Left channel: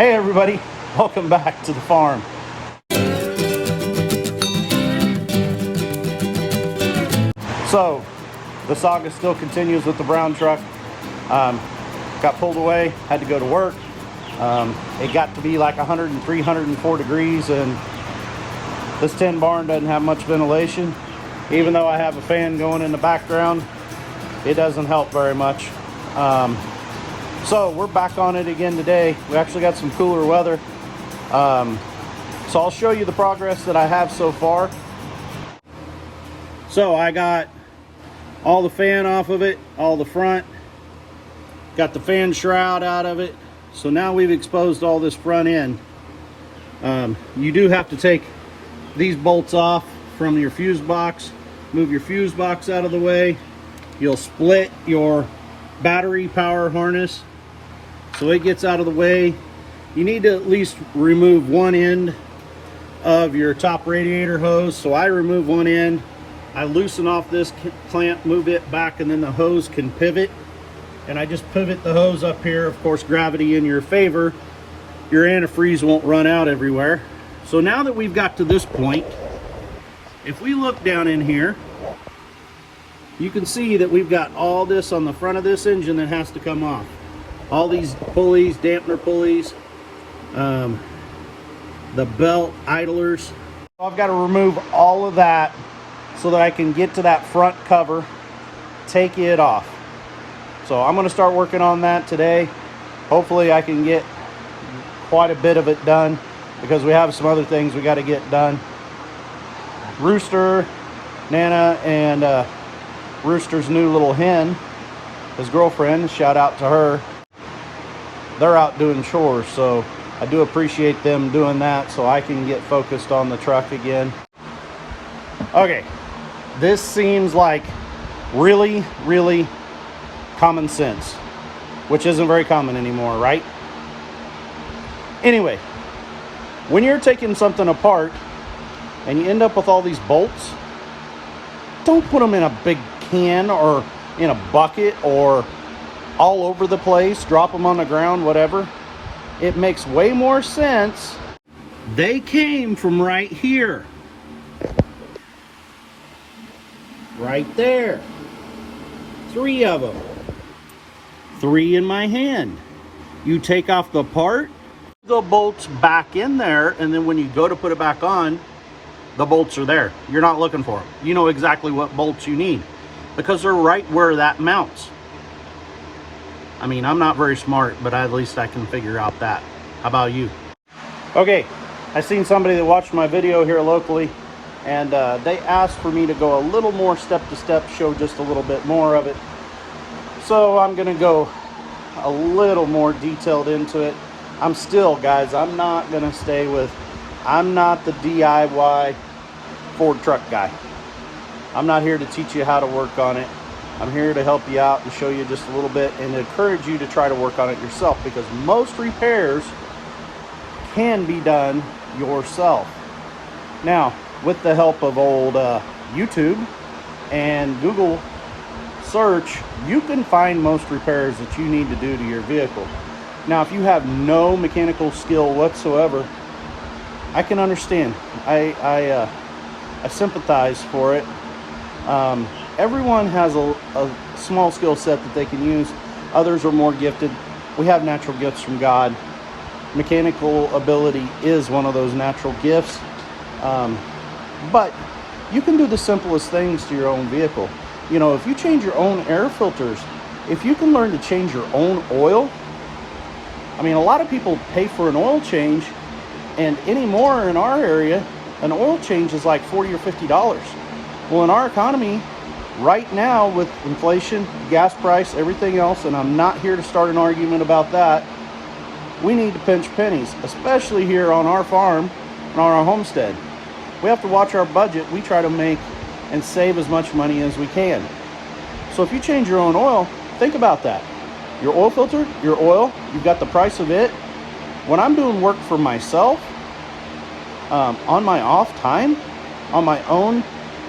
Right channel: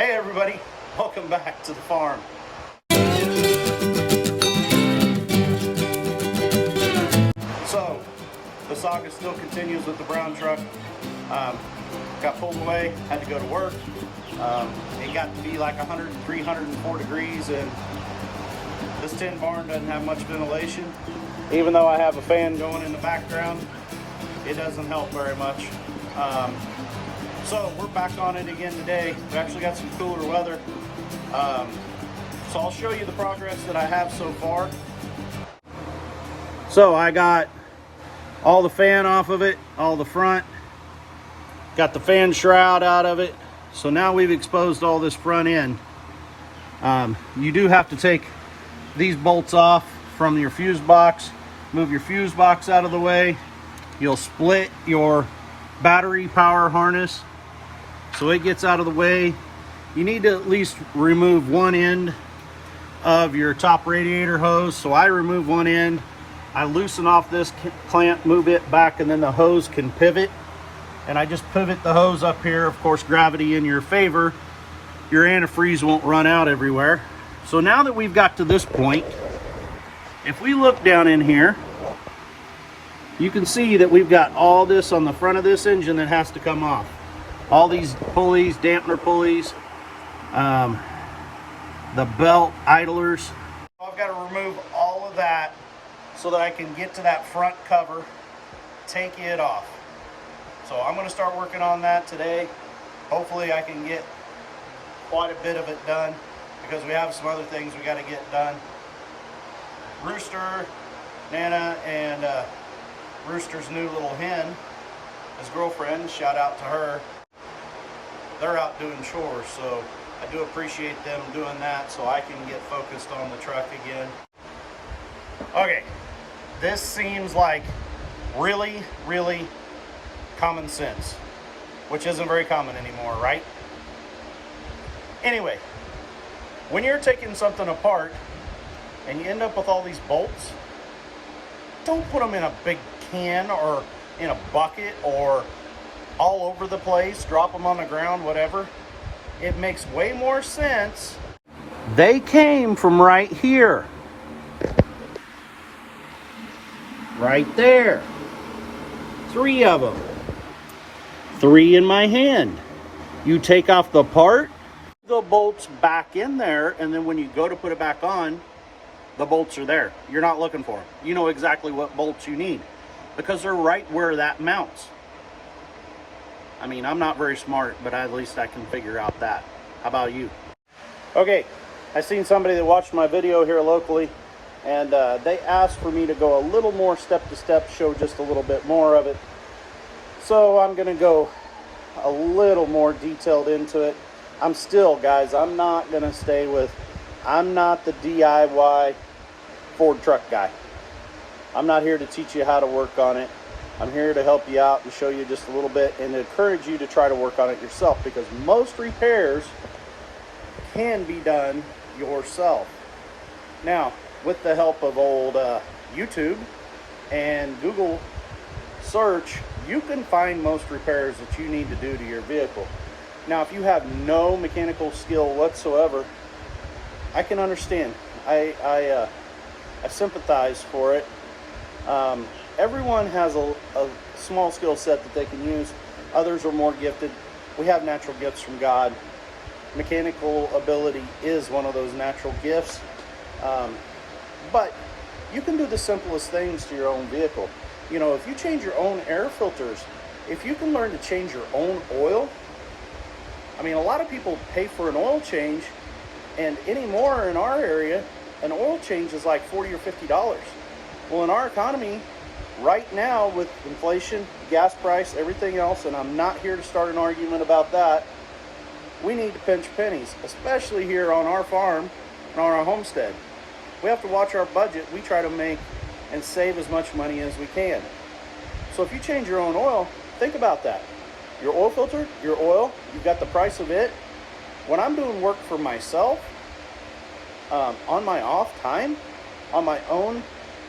Hey everybody, welcome back to the farm. So, the saga still continues with the brown truck. Got pulled away, had to go to work. It got to be like 103, 104 degrees, and this tin barn doesn't have much ventilation. Even though I have a fan going in the background, it doesn't help very much. So we're back on it again today. We actually got some cooler weather. So I'll show you the progress that I have so far. So I got all the fan off of it, all the front. Got the fan shroud out of it. So now we've exposed all this front end. You do have to take these bolts off from your fuse box. Move your fuse box out of the way. You'll split your battery power harness. So it gets out of the way. You need to at least remove one end of your top radiator hose. So I remove one end. I loosen off this clamp, move it back, and then the hose can pivot. And I just pivot the hose up here. Of course, gravity in your favor. Your antifreeze won't run out everywhere. So now that we've got to this point, if we look down in here, you can see that we've got all this on the front of this engine that has to come off. All these pulleys, dampener pulleys, the belt idlers. I've got to remove all of that so that I can get to that front cover, take it off. So I'm going to start working on that today. Hopefully I can get quite a bit of it done because we have some other things we got to get done. Rooster, Nana, and Rooster's new little hen, his girlfriend, shout out to her. They're out doing chores, so I do appreciate them doing that so I can get focused on the truck again. Okay, this seems like really common sense, which isn't very common anymore, right? Anyway, when you're taking something apart and you end up with all these bolts, don't put them in a big can or in a bucket or all over the place, drop them on the ground, whatever. It makes way more sense. They came from right here. Right there. 3 of them. 3 in my hand. You take off the part, the bolts back in there, and then when you go to put it back on, the bolts are there. You're not looking for them. You know exactly what bolts you need because they're right where that mounts. I mean, I'm not very smart, but at least I can figure out that. How about you? Okay, I seen somebody that watched my video here locally, and they asked for me to go a little more step-to-step, show just a little bit more of it. So I'm gonna go a little more detailed into it. I'm still, guys, I'm not gonna stay with, I'm not the DIY Ford truck guy. I'm not here to teach you how to work on it. I'm here to help you out and show you just a little bit and encourage you to try to work on it yourself because most repairs can be done yourself. Now, with the help of old YouTube and Google search, you can find most repairs that you need to do to your vehicle. Now, if you have no mechanical skill whatsoever, I can understand. I sympathize for it. Everyone has a small skill set that they can use. Others are more gifted. We have natural gifts from God. Mechanical ability is one of those natural gifts. But you can do the simplest things to your own vehicle. You know, if you change your own air filters, if you can learn to change your own oil, I mean, a lot of people pay for an oil change, and anymore in our area, an oil change is like $40 or $50. Well, in our economy, right now with inflation, gas price, everything else, and I'm not here to start an argument about that, we need to pinch pennies, especially here on our farm and on our homestead. We have to watch our budget. We try to make and save as much money as we can. So if you change your own oil, think about that. Your oil filter, your oil, you've got the price of it. When I'm doing work for myself, on my off time, on my own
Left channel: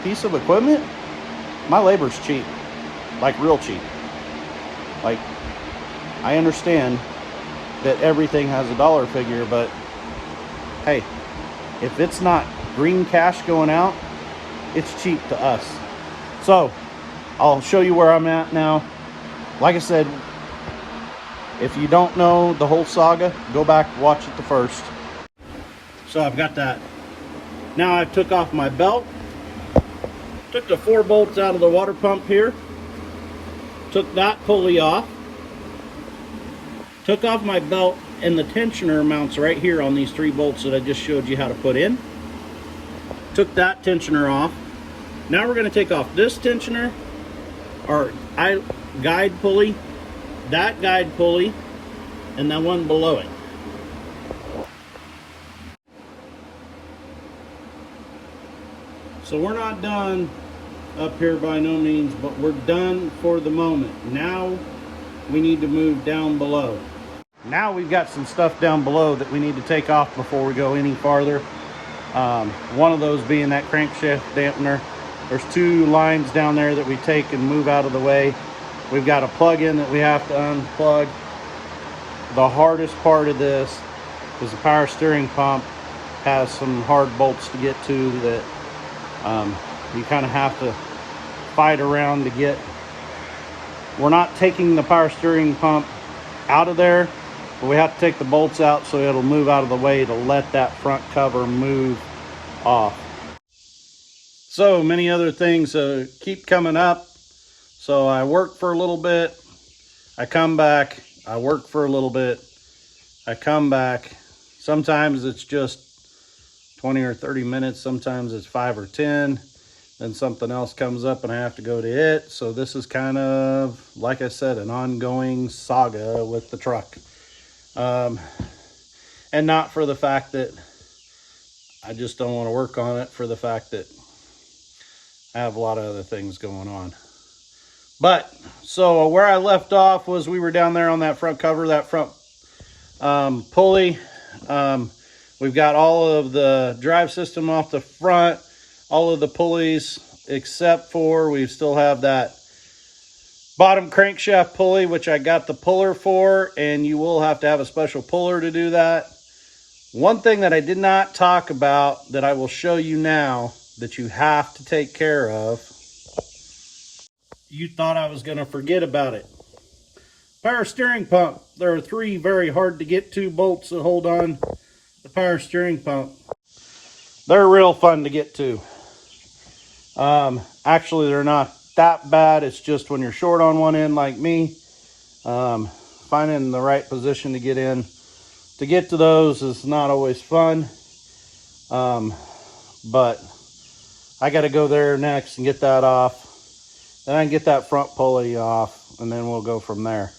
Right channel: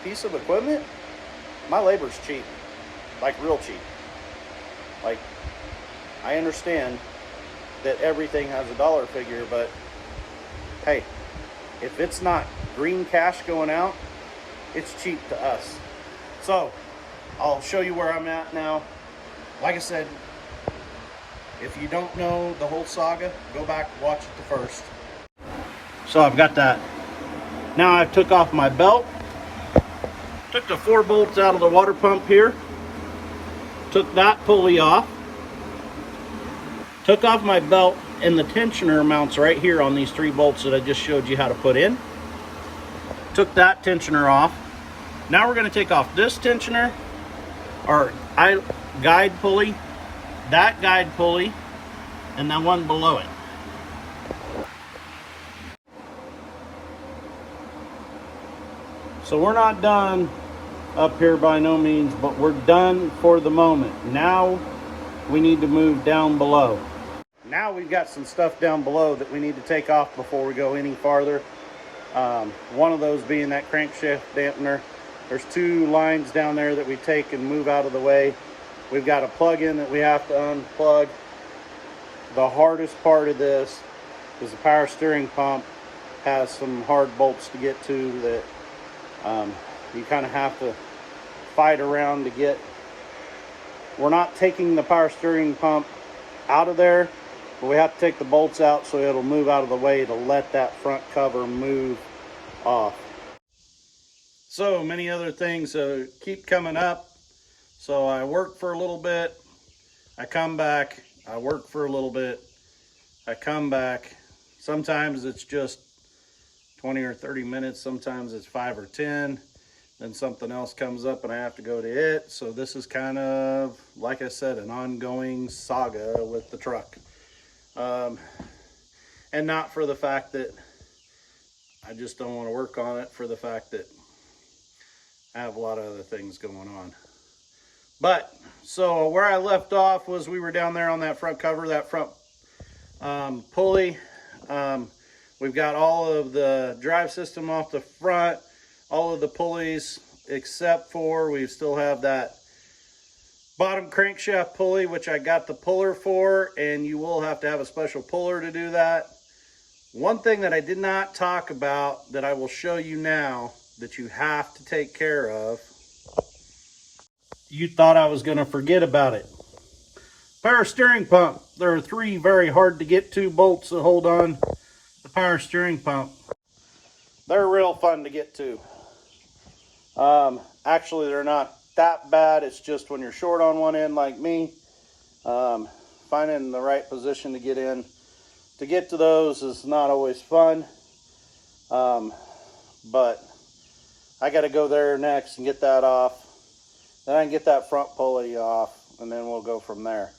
piece of equipment, my labor's cheap, like real cheap. Like, I understand that everything has a dollar figure, but hey, if it's not green cash going out, it's cheap to us. So I'll show you where I'm at now. Like I said, if you don't know the whole saga, go back and watch it the first. So I've got that. Now I took off my belt, took the 4 bolts out of the water pump here, took that pulley off, took off my belt, and the tensioner mounts right here on these 3 bolts that I just showed you how to put in. Took that tensioner off. Now we're going to take off this tensioner, or guide pulley, that guide pulley, and that one below it. So we're not done up here by no means, but we're done for the moment. Now we need to move down below. Now we've got some stuff down below that we need to take off before we go any farther. One of those being that crankshaft dampener. There's 2 lines down there that we take and move out of the way. We've got a plug-in that we have to unplug. The hardest part of this is the power steering pump has some hard bolts to get to that you kind of have to fight around to get. We're not taking the power steering pump out of there, but we have to take the bolts out so it'll move out of the way to let that front cover move off. So many other things keep coming up. So I work for a little bit, I come back, I work for a little bit, I come back. Sometimes it's just 20 or 30 minutes, sometimes it's 5 or 10. Then something else comes up and I have to go to it. So this is kind of, like I said, an ongoing saga with the truck. And not for the fact that I just don't want to work on it, for the fact that I have a lot of other things going on. But so where I left off was we were down there on that front cover, that front pulley. We've got all of the drive system off the front, all of the pulleys, except for we still have that bottom crankshaft pulley, which I got the puller for, and you will have to have a special puller to do that. One thing that I did not talk about that I will show you now that you have to take care of. You thought I was going to forget about it. Power steering pump. There are 3 very hard to get to bolts that hold on the power steering pump. They're real fun to get to. Actually, they're not that bad. It's just when you're short on one end like me, finding the right position to get in to get to those is not always fun. But I got to go there next and get that off. Then I can get that front pulley off, and then we'll go from there.